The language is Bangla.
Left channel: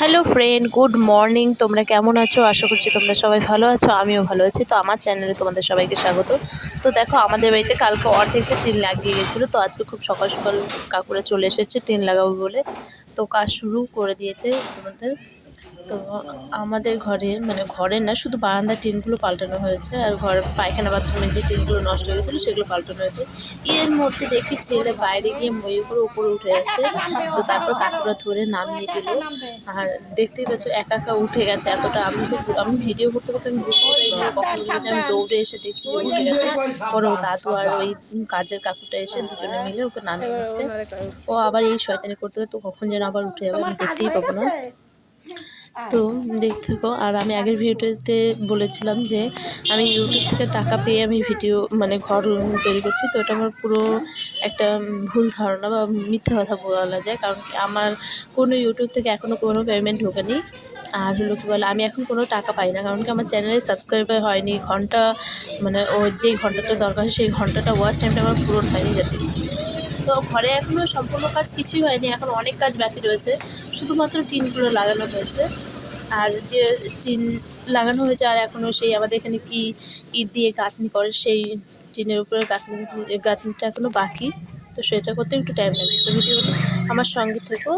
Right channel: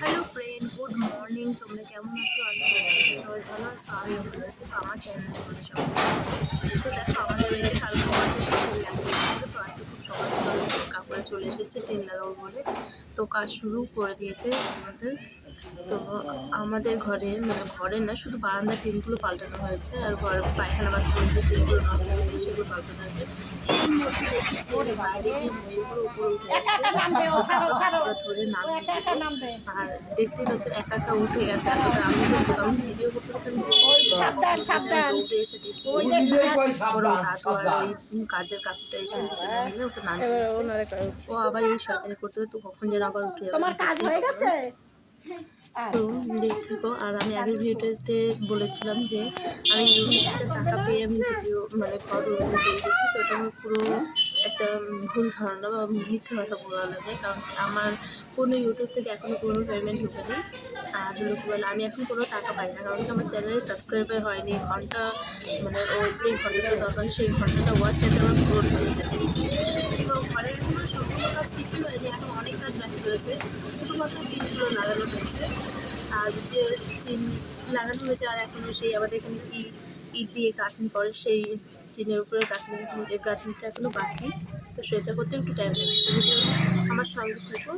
Hello friend, good morning. তোমরা কেমন আছো? আশা করছি তোমরা সবাই ভালো আছো, আমিও ভালো আছি। তো আমার চ্যানেলে তোমাদের সবাইকে স্বাগত। তো দেখো, আমাদের বাড়িতে কালকে অর্ধেকটা টিন লাগিয়ে গেছিলো, তো আজকে খুব সকাল সকাল কাকুরা চলে এসেছে টিন লাগাবো বলে। তো কাজ শুরু করে দিয়েছে তোমাদের। তো আমাদের ঘরের না, শুধু বারান্দার টিনগুলো পাল্টানো হয়েছে, আর ঘরের পায়খানা বাথরুমের যে টিনগুলো নষ্ট হয়ে গেছিলো সেগুলো পাল্টানো হয়েছে। এর মধ্যে দেখি ছেলে বাইরে গিয়ে ময়ূরগুলো উপরে উঠে যাচ্ছে। তো তারপর কাকুরা ধরে নামিয়ে দিল। আর দেখতেই পাচ্ছ একা একা উঠে গেছে এতটা। আমি ভিডিও করতে করতে আমি আমি দৌড়ে এসে দেখছি যে উঠে গেছে। পরে ওই দাদু আর ওই কাজের কাকুটা এসে দুজনে মিলে ওকে নামিয়ে দিচ্ছে। ও আবার এই শয়তানি করতে করতে কখন যেন আবার উঠে যাবে, আমি দেখতেই পাবো না। তো দেখতে থাকো। আর আমি আগের ভিডিওতে বলেছিলাম যে আমি ইউটিউব থেকে টাকা পেয়ে আমি ঘর তৈরি করছি। তো এটা আমার পুরো একটা ভুল ধারণা বা মিথ্যা কথা বলা যায়, কারণ কি আমার কোনো ইউটিউব থেকে এখনও কোনো পেমেন্ট ঢোকেনি। আর হলো কি বলে, আমি এখন কোনো টাকা পাই না, কারণ কি আমার চ্যানেলে সাবস্ক্রাইবার হয়নি। ও যেই ঘন্টাটা দরকার সেই ঘন্টাটা ওয়াচ টাইমটা আমার পূরণ হয়নি যাতে। তো ঘরে এখনও সম্পূর্ণ কাজ কিছুই হয়নি, এখন অনেক কাজ বাকি রয়েছে। শুধুমাত্র টিনগুলো লাগানো হয়েছে। আর যে টিন লাগানো হয়েছে, আর এখনও সেই আমাদের এখানে কি ইট দিয়ে গাঁথনি করে, সেই টিনের উপরে গাঁথনিটা এখনও বাকি। তো সেটা করতে একটু টাইম লাগবে। তো ভিডিও আমার সঙ্গে থেকো।